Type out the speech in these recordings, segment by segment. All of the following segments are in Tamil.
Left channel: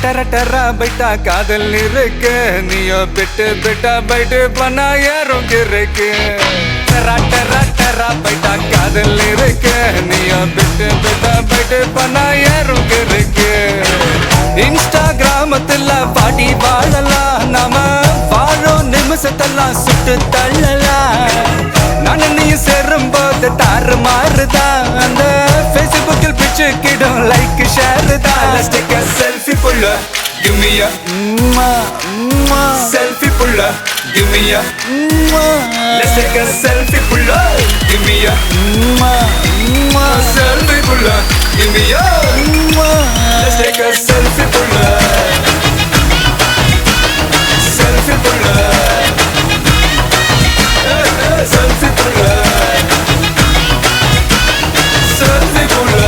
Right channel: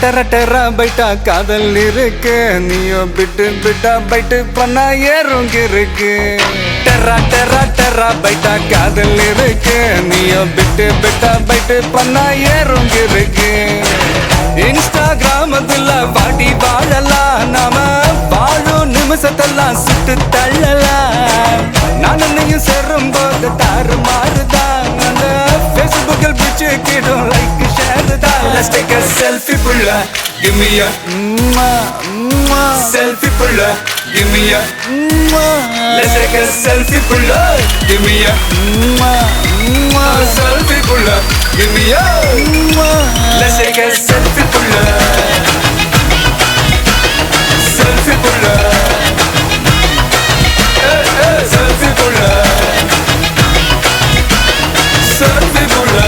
டர டர பைட்டா காதல் இருக்கு நீயோ பிட்டு பிட்டா பைட்டு பண்ணா ஏறுங்க இருக்கு டர டர டர பைட்டா காதல் இருக்கு நீயோ பிட்டு பிட்டா பைட்டு பண்ணா ஏறுங்க இருக்கு இன்ஸ்டாகிராமத்துல வாடி வாழலாம் நாம வாழணும் Selfie pulla, give me a. Let's take a selfie pulla, give me a. Selfie pulla, give me a. Let's take a selfie pulla. Selfie pulla. Selfie pulla. Selfie pulla.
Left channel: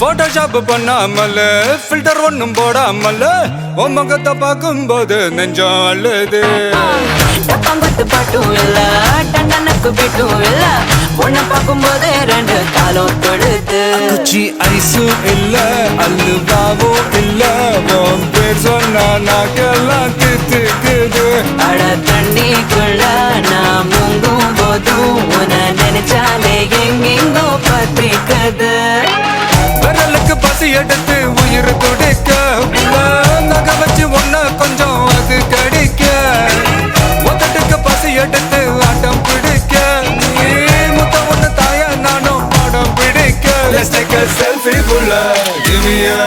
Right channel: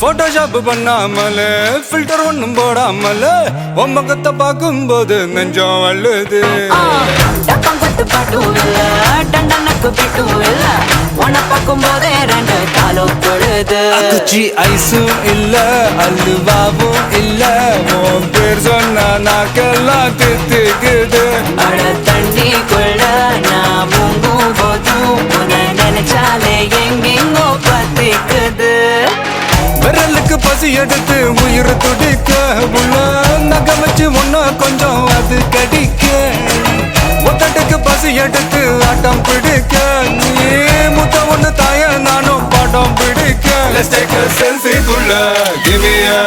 Photoshop பண்ணாமல ஃபில்டர் ஒண்ணும் போடாமல உன் முகத்தை பார்க்கும்போது நெஞ்சம் அள்ளுது. டப்பம்பட்டு பாட்டும் இல்ல டட்டனக்கு பிட்டும் இல்ல உன்னை பார்க்கும்போது ரெண்டு காலம் தொழுது. அக்குச்சி ஐஸும் இல்ல அல்வாவும் இல்ல உன் பேர் சொன்னா நாக்கெல்லாம் கித்துக்குது. அட தண்ணிக்குள்ள நான் முங்கும் போதும் உன்னை நினைச்சாலே எங்கெங்கோ பத்திக்குது. விரலுக்கு பசி எடுத்து உயிர் துடிக்க உள்ள நகை வச்சு ஒன்ன கொஞ்சம் அது கடிக்க. மொத்தத்துக்கு பசி எடுத்து ஆட்டம் பிடிக்க முத்த ஒண்ணு தாய நானும் பாட்டம் பிடிக்க. Let's take a selfie புள்ள give me a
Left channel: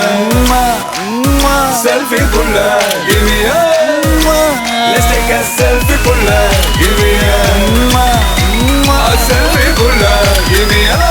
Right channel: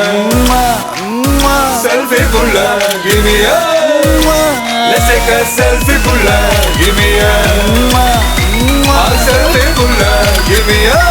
selfie புள்ள give me a. Let's take a selfie புள்ள give me a selfie புள்ள give me a.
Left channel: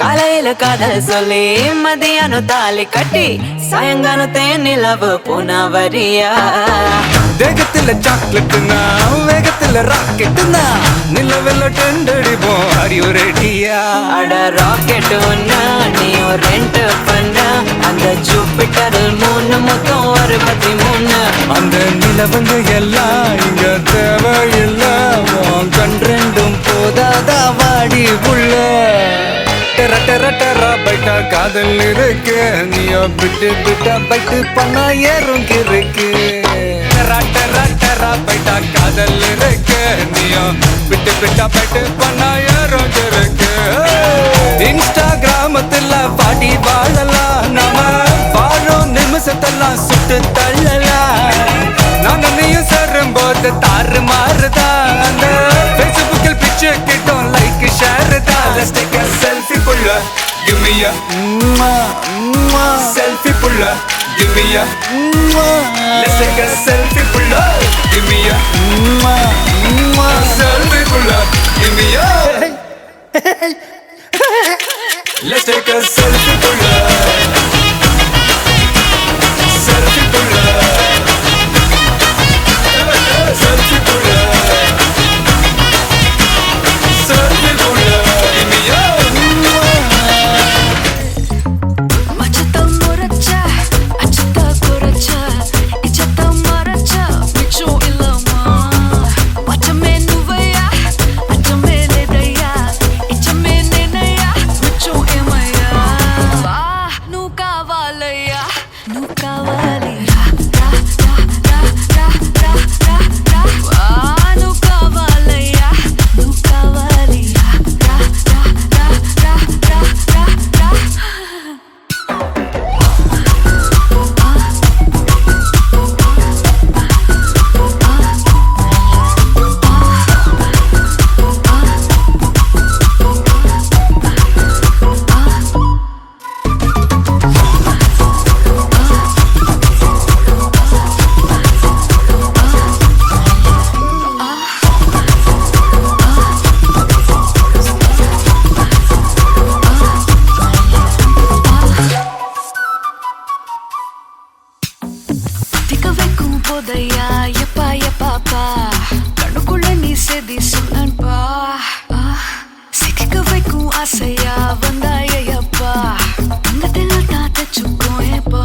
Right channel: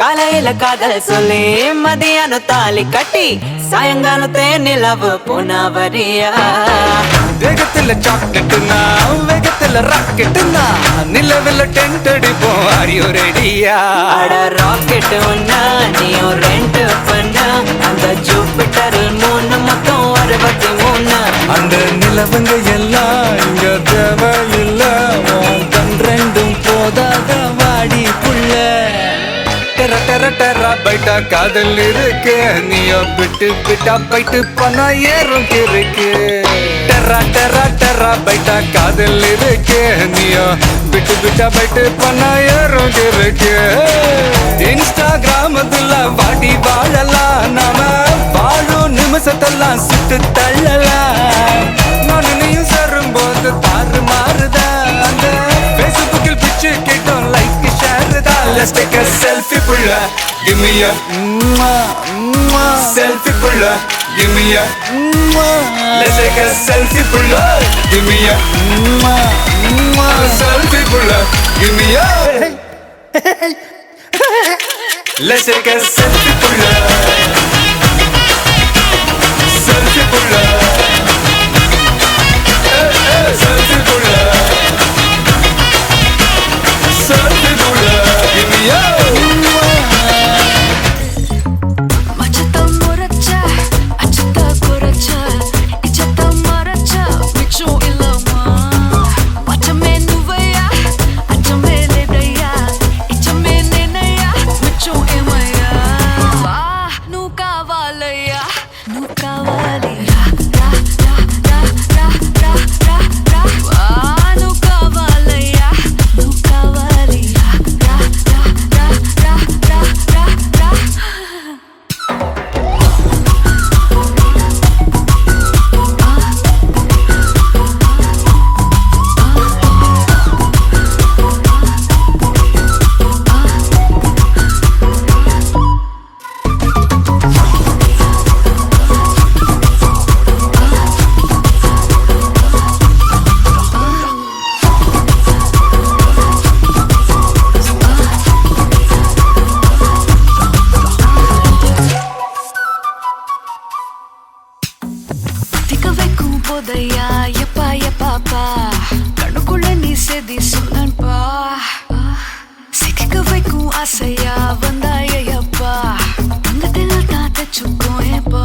காலையில காதல் சொல்லி மதியானம் தாலி கட்டி சாயங்காலத்தே நிலவு புனவரியா. தேகத்துல சாக்லேட்னா வேகத்துல ராக்கெட்னா நிலவில் டெண்டடிப்போம் ஐயோ ரெடியா. அட ராக்கெட் ஒன்னா நீயும் ரெண்டு பண்ண அந்த ஜூபிட்டரில் 3 மொத்தம் 63. அந்த நிலவங்கள் எல்லாம் இங்க தேவையில்ல உன் கண் ரெண்டும் போதாதா வாடி புள்ள. டெர டெர டெரா பைட்டா காதல் இருக்கு நீயோ விட்டு விட்டா பைட்டு பணா ஏறும் இருக்கு. டெரா டெரா டெரா பைட்டா காதல் இருக்கு நீயோ விட்டு விட்டா பைட்டு பணா ஏறும் இருக்கு. இன்ஸ்டாகிராமத்துல வாடி வாழலாம் நாம வாழும் நிமிஷத்தெல்லாம் சுட்டு தள்ளலாம். நானும் சேரும் போது தாறு மாறுதா பேஸ்புக்கில் பிச்சு கேட்கும் லைக் ஷேர் தான். Let's take a selfie புள்ள give me a selfie புள்ள give me a. Let's take a selfie புள்ள give me a selfie புள்ள give me a. Let's take a selfie புள்ள selfie புள்ள selfie புள்ள selfie புள்ள give me a. மச்சத்த முறைச்ச அச்சத்த குறைச்ச இச்சத்த மறைச்ச மிச்சம் இல்லம்மா. மச்சமே நுவையா அச்சமே లేదయ్యా ఇచ్చమే నేనయ్యా మిచ్చం ఏమయ్యా. వా నువ్వు కావాలయ్యా నువ్వు కావాలి రా రా రా రా రా రా రా రా. వా నువ్వు కావాలయ్యా నువ్వు కావాలి రా రా రా రా రా రా రా రా. திக்க வைக்கும் போதையா எப்பா எப்பாப்பா கண்ணுக்குள்ள நீ செதி சொல்லன்பா. சிக்க வைக்கும் ஆசையா வந்தாயப்பா வச்சுக்கோயேப்பா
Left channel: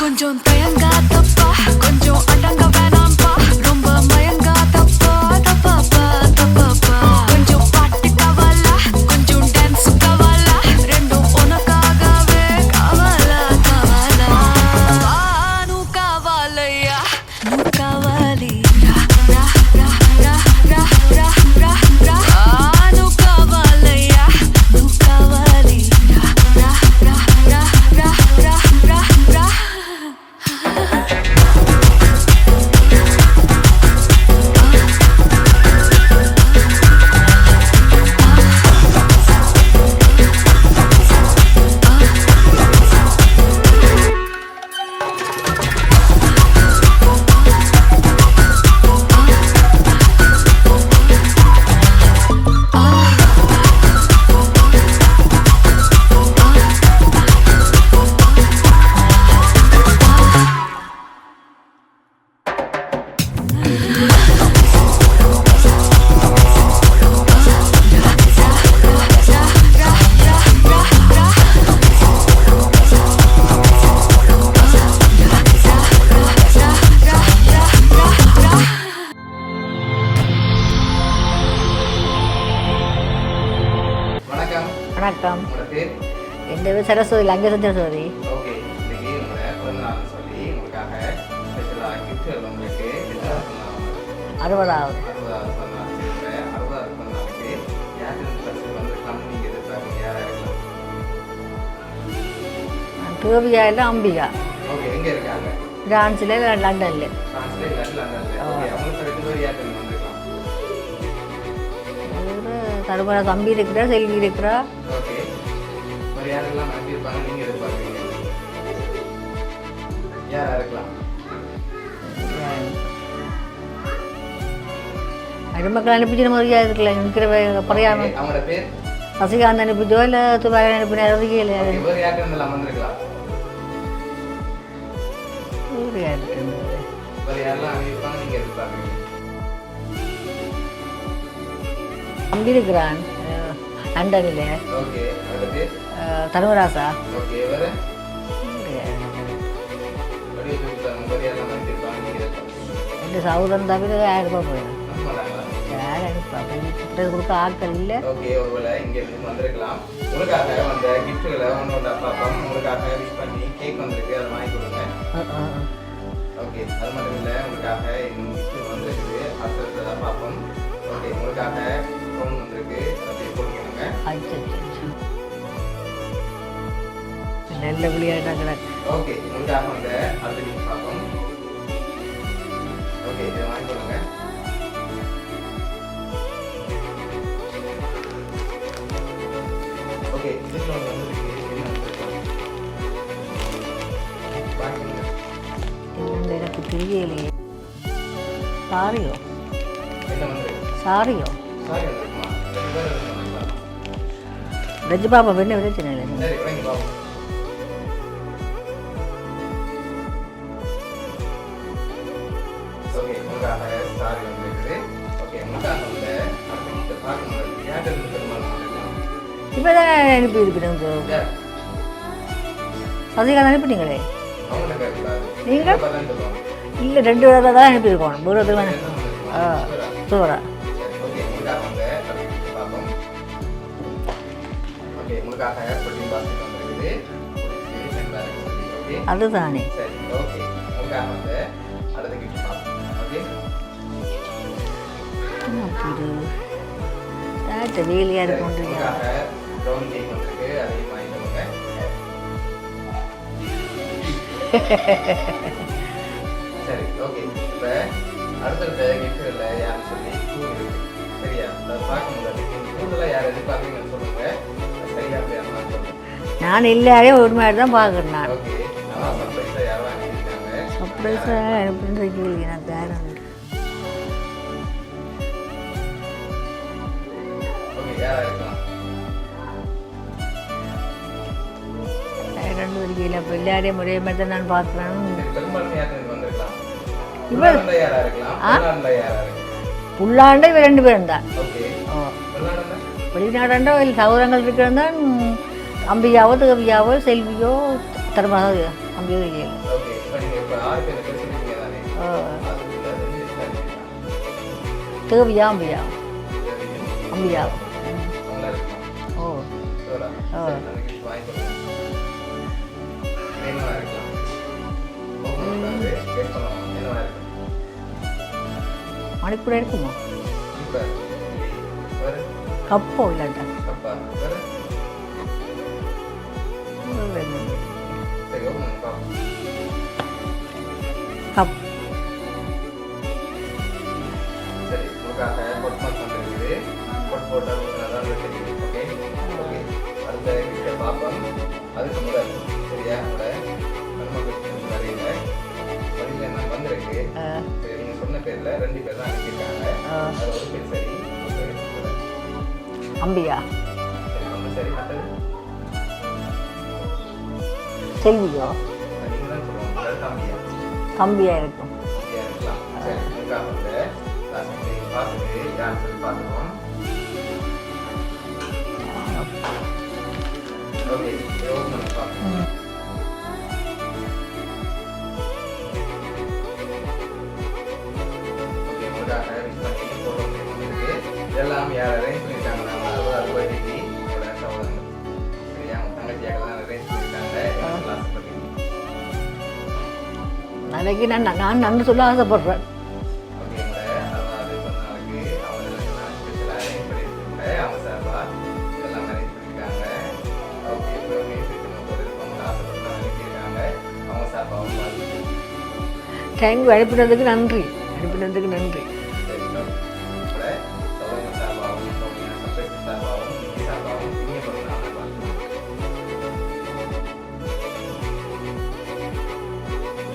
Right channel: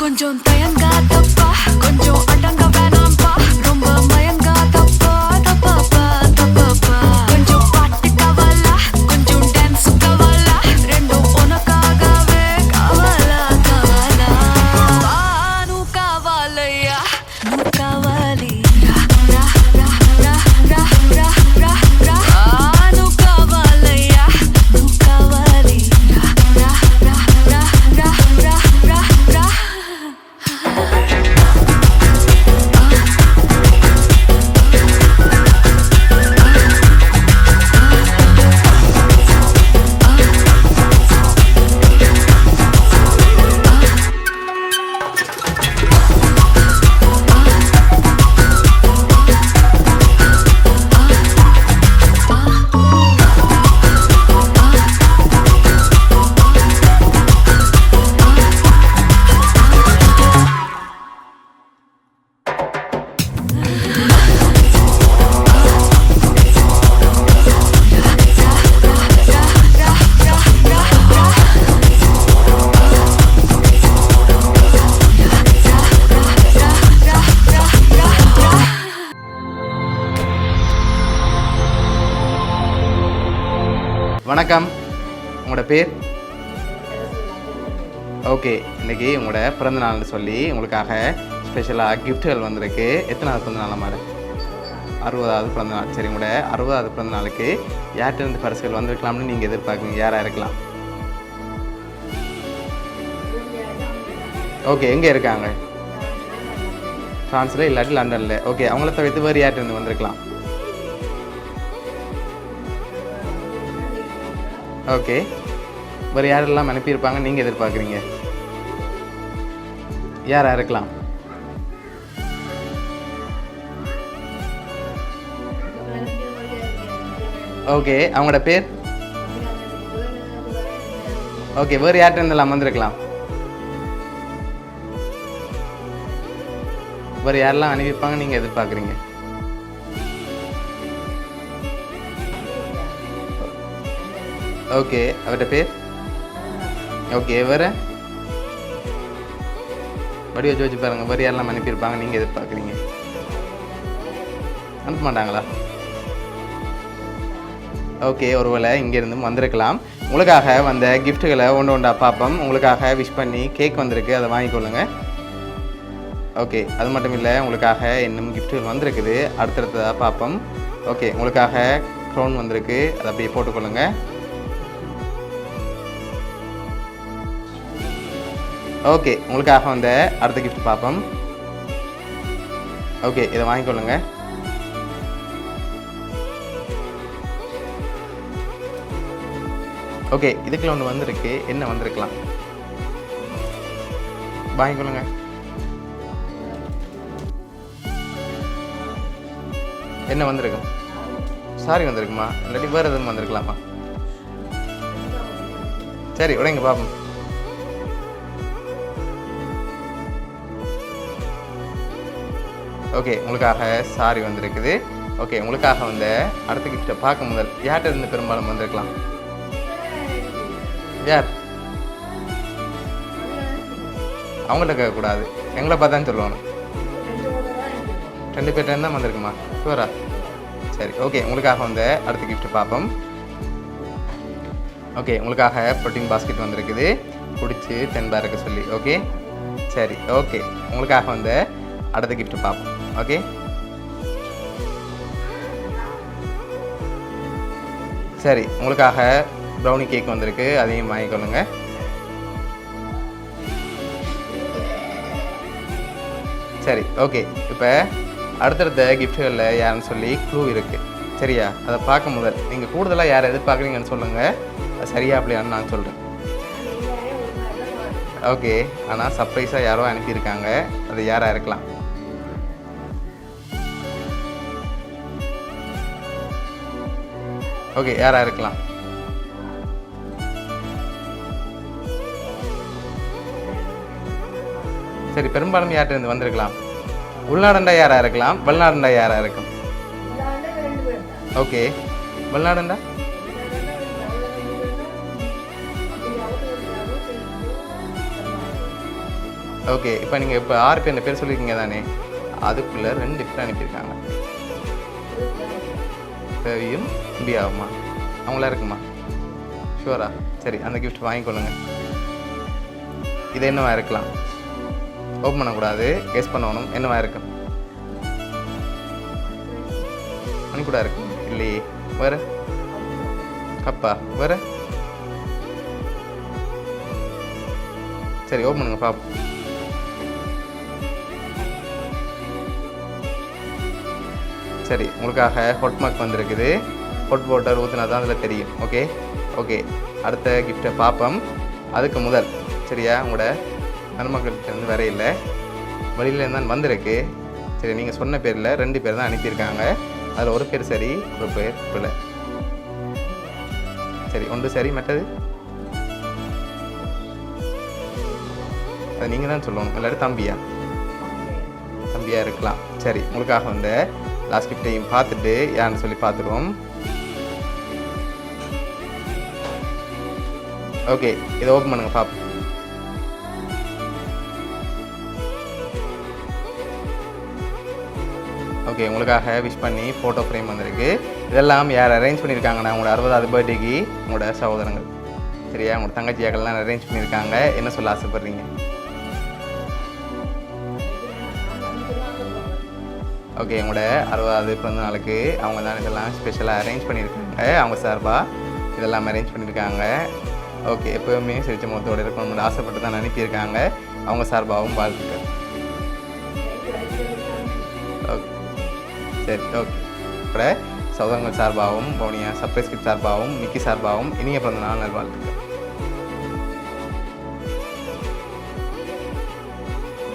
கொஞ்சம் தயங்காதப்பா கொஞ்சம் அடங்க வேணாம்பா ரொம்ப மயங்காதப்பா தப்பாப்பா தப்பாப்பா கொஞ்சம் பாட்டு கவாலா கொஞ்சம் டான்ஸ் கவாலா ரெண்டும் உனக்காகவே கவாலா கவாலா நூ காவாலையா நூ காவாலி ரா ரா ரா ரா ரா ரா ரா ரா நூ காவாலையா நூ காவாலி ரா ரா ரா ரா ரா ரா ரா வணக்கம். வணக்கம். உங்களோட பேர்? என் பேர் சரஸ்வதி, லங்கேச சரஸ்வதி. ஓகே, இன்னைக்கு உங்களோட பிறந்த நாள்னு சொல்லி உங்களுக்காக ஸ்பெஷலாக கிஃப்ட்டுகள் வந்திருக்கு. எத்தனாவது பிறந்த நாள் மாதிரி? 60வது பிறந்த நாள். சரி, உங்களோட 60வது பிறந்த நாளுக்கு யார்கிட்ட பரிசுகள் வந்திருக்கலாம்னு நீங்கள் எதிர்பார்க்குறீங்க? யாராக இருக்கலாம்? தேவியா இல்லை அம்பிகா. ஓகே, எங்கே இருக்காங்க? பிரான்ஸில் லண்டனில். ஃப்ரான்ஸில் இல்லாட்டி லண்டனில். ஓகே, அவங்கள தவிர்த்து வேறு யார்கிட்ட வந்திருக்கலாம்? தருமரா தம்பி இருக்கிறா, செல்வி இருக்கிறா. ஓகே, வேறு யாரெல்லாம் அனுப்பியிருப்பாங்க நீங்கள் எதிர்பார்க்குறீங்க? யாராக இருக்கலாம்? அடிமக்கள் அனுப்பிச்சு மாதிரியா இருக்கல நிற்கிற. ஓகே, அவங்களோட பேர்? சசிகாந்த் அனுப்பிச்சோ இல்லை துபாய் அனுப்பினா ரசிகல. ஓகே, வேறு யார்கிட்ட இருந்தெல்லாம் வந்திருக்கலாம்? வேறு யாரெல்லாம் அனுப்பியிருப்பாங்க நீங்கள் எதிர்பார்க்குறீங்க? தம்பி இருக்கிறான் லண்டனில். ஓகே, அவர்கிட்ட பேர்? தர்மராசா. ஓகே, வேறு வடிவ வச்சு பாருங்க. வேறு யாரெல்லாம் அனுப்பியிருப்பாங்க நீங்கள் எதிர்பார்க்குறீங்க? இந்த சௌதன் தவிர 1000 ரூபாய் போயிடும். அனுப்ப மாட்டாங்களா? யாரும் அனுப்பாங்க கொடுக்க ஆட்கள் இல்லை. ஓகே, ஒருவேளை இங்கேருந்து வந்திருக்கலாம். உங்களுக்காக வந்த கிஃப்ட்டுகளை ஒன்று ஒன்றா பார்ப்போம். உங்களுக்காக விஷ் பண்ணி கேக் வந்திருக்கு, அதை வாங்கிக்கொள்ளுங்க. ஓகே, அது மட்டும் இல்லை, உங்களுக்காக இன்னும் கிஃப்ட்டுகள் வந்திருக்குது, அடுத்தடுத்ததாக பார்ப்போம். ஓகே, உங்களுக்காக க்ரௌன் வந்திருக்கு, அதை அப்படியே போட்டுக்கொள்ளுங்க. நல்ல விளையாடுறாங்க. ஓகே, உங்களுக்காக வந்த அடுத்த கிஃப்ட் பார்ப்போம். ஓகே, இதை வாங்கிக்கொள்ளுங்க. ஓகே, இதுக்குள்ள ஒன்று வந்திருக்கு, என்ன வந்திருக்கலாம்? வாங்கிக்கொள்ளுங்க. எனக்கு தெரியலையே. சாரியோ என்ன வந்திருக்கு? சாரியோ சாரி வந்திருக்குமா? இல்லாட்டி வேறு எதுவும் வந்திருக்கலாமா? வெஜ் பாப்பா என்ன பிரச்சனை இல்லை. சரி, உடனே பார்ப்போம். ஓகே, உங்களுக்காக சாரி வந்திருக்குது. ஓகே, உங்களுக்காக வந்த அடுத்த கிஃப்ட்டை பார்க்க முதல் யார்கிட்ட இருந்து பெரும்பாலும் வந்திருக்கலாம்? இப்போ தான் அனுப்பி இருக்கிறேன். யார்? சசிகாந்த் அனுப்பிட்டீங்களே. அவங்கள்ட்ட கேட்கக்கூடாது, எங்களை பார்த்தா சொல்லுவாங்க. இல்லை, 2 தடவை தான் அனுப்பியிருக்கோம். தான் வந்திருக்குமா? ஷூரா? ஷூரா. சரி, ஓகே, உங்களுக்காக வந்த அடுத்த கிஃப்ட் பார்ப்போம். ஓகே, உங்களுக்காக ப்ரோட்டீன் பாஸ்கெட் வந்திருக்குது, பிடிச்சி 10 பேருக்கு சொல்லி. ஓகே, அதுதானே. சரி, ஓகே, உங்களுக்காக வந்த அடுத்த கிஃப்ட் பார்ப்போம். ஓகே, சரி, உங்களுக்காக ப்ரௌனி கேக் வந்திருக்கு, அதையும் வாங்கிக்கொள்ளுங்க. சரி, ஓகே, இப்போ அடுத்தடுத்த கிஃப்ட்டுகளில் யாருன்னு சொல்லி க்ளூ இருக்குது, சரியா? அதை பார்க்க முதல் நீங்கள் கூடுதலாக யார் எதிர்பார்க்குறீங்கன்னு சொல்லுங்கள், அது சரியா அப்படியான்னு நான் சொல்கிறேன். நான் எல்லாரையும் ஒரு மாதிரி தான் பார்க்குறேன். ஓகே, ஆனால் சர்ப்ரைஸாக யாரும் அனுப்பியிருக்காங்க, அது யாராக இருக்கலாம்? ஓகே, யாராக இருக்கலாம்? எல்லாரையும் ஒரே மாதிரி தான் நான் பார்க்குறேன். சரி, பெரும்பாலும் யார்கிட்ட இருந்து வந்திருக்கலாம்? உள்நாடண்டா யாராக இருக்கலாம், வெளிநாடண்டா யாராக இருக்கும்? உள்ளாண்டா இவ 2 பேரும் தான். ஓகே, வெளிநாடண்டா? வெளிநாடண்டா இல்லை சௌரங்கள் இருக்கிறது தான். அம்பியாவோ தேவியாவோ செல்வியோ தர்மதோ அம்பியோ இல்லை. ஓகே, இப்போ நீங்கள் இப்போ 6 பேர் பேர் சொல்லியிருக்கீங்க தானே, அதுக்குள்ளே 2 பேர் அனுப்பியிருக்காங்க. தேவியா அம்பியா? தேவியும் அம்பியா அம்மா அவங்களா இருக்குமா? ஓ ஷுவரா? சரி, அந்த கிஃப்ட் வாங்கிக்கொள்ளுங்க. இது என்னவா இருக்கலாம்? ஓப்பன் பண்ணக்கூடாது, கெஸ் பண்ணணும். என்னவா இருக்கும்? மணிக்கூட இருக்குமா? மணி கூட இருக்கு இல்லையே. வேறு கப்போ இல்லாட்டா கப்பா? வேறு? சரி, ஓப்பன் பண்ணுங்க பாப்போம். கப். சரி, உங்களுக்காக ஹாட் மார்க் வந்திருக்குது. ஹாட் வாட்டர் ஊற்றினா தான் அதில் தெரியும். ஓகே ஓகே, அடுத்த கிஃப்ட்டை பார்ப்போம். அதுக்கு முதல் சரியா, உங்களோட நன்மக்கள்கிட்ட வந்து வேற இல்லை, வெளியில இருந்தால் வந்திருக்கு. சரி, நீங்கள் சொன்ன பேரில் 2 பேர் தான் அனுப்பியிருக்காங்க. அதில் ஒரு பேர் சரி, ஒரு பேர் பிள்ளை. அம்பியா? சரி, ஒன்று சரி, மற்றது செல்வியோ? அது நீங்கள் தான் சொல்லணும். இல்லாட்டி தம்பியா? தம்பியா இருக்கும். தம்பியாக இருக்கலாம். சரி, உங்களுக்காக வந்து லாஸ்ட் கிஃப்டையும் பார்த்துட்டு யாருன்னு சொல்லி பார்த்துருவோம். ஓகே, இதை ஓப்பன் பண்ணுங்க பார்ப்போம். ஓகே, உங்களுக்காக விஷ் பண்ணி ஃபோட்டோ ஃப்ரேம் வந்திருக்கு. இதெல்லாம் யார் அரேஞ்ச் பண்ணியிருக்காங்கன்னா, உங்களோட 60வது பர்த்டேக்கு உங்களோட சகோதரங்கள் சரியா, உங்களோட தங்கச்சியாக்கள்லாம் அரேஞ்ச் பண்ணியிருக்காங்க. என்ன சொல்ல ஆசைப்படுறீங்க? அதுக்கு நான் நன்றி சொல்ல ஆசைப்படுறேன். ஓகே, உங்களோட 60வது பிறந்த நாளுக்கு அவங்க தான் இதெல்லாம் ஸ்பெஷலாக அரேஞ்ச் பண்ணியிருக்காங்க. அவங்க சார்பாக இதெல்லாம் அரேஞ்ச் பண்ணியிருக்காங்க. ஓகே, எப்போவுமே சிரிச்ச முகத்தோடு இருக்கணும்னு ஆசைப்பட்டு தான் அனுப்பியிருக்காங்க. அவங்க சார்பாகவும் வாழ்த்துக்கள். தேங்க்யூ, அனுப்பினதுக்கு நன்றி. அனுப்பினதுக்கு நன்றி. சரி, ஓகே. இப்போ சௌதங்கள் சார்பாகவும் பவுனியா சர்ப்ரைஸ் கிட் சார்பாகவும் மிக்கி சார்பாகவும் இனிய பிறந்த நாள் நல்வாழ்த்துக்கள்.